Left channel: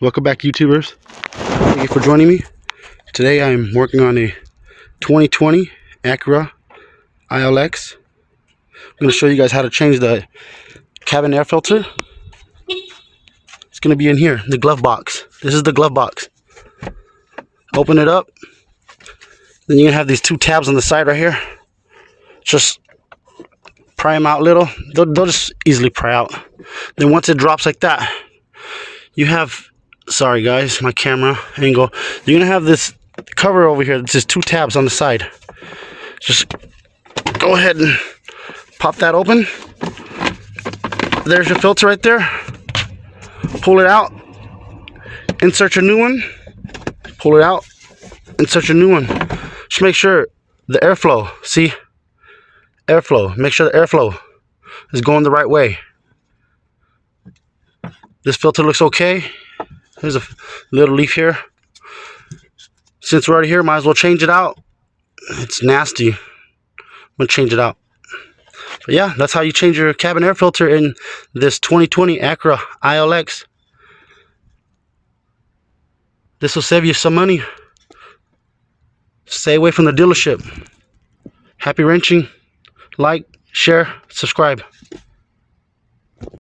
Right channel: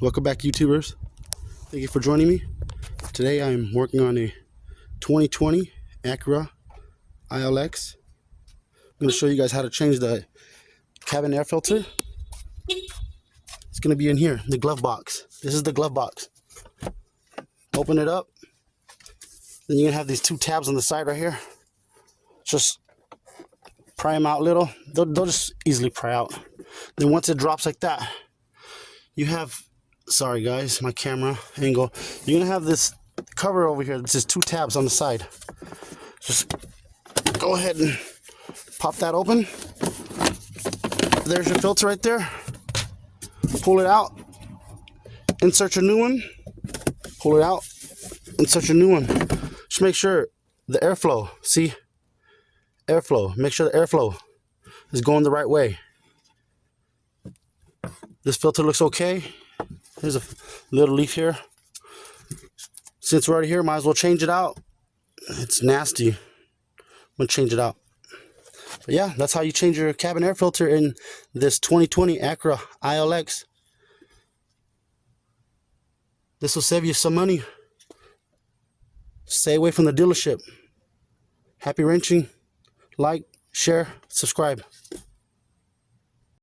Welcome back, YouTubers. Thank you for joining me. Today I'm working on a 2020 Acura ILX. I'm going to show you guys how to change the cabin air filter. It's going to be in here, the glove box. This is the glove box. Open it up. Then you're going to have these two tabs on the side right here. Just pry them out a little. They'll just easily pry out. Then once it drops like that, you have, sorry guys, my camera angle. You're going to have this cover over here. It's just two tabs on the side. Just go ahead and pop that open. There's your filter right there. Pull it out. Insert your new one. Pull it out. Insert your new one. Just make sure the airflow, see? Airflow. Make sure the airflow is going the right way. This filter looks okay. There's a little leaf here. Since we're already here, might as well change it out. It's nasty. I'm gonna change it out. But yeah, that's how you change your cabin air filter in this 2020 Acura ILX. This will save you some money. Stay away from the dealership. Happy wrenching. Like, share, subscribe.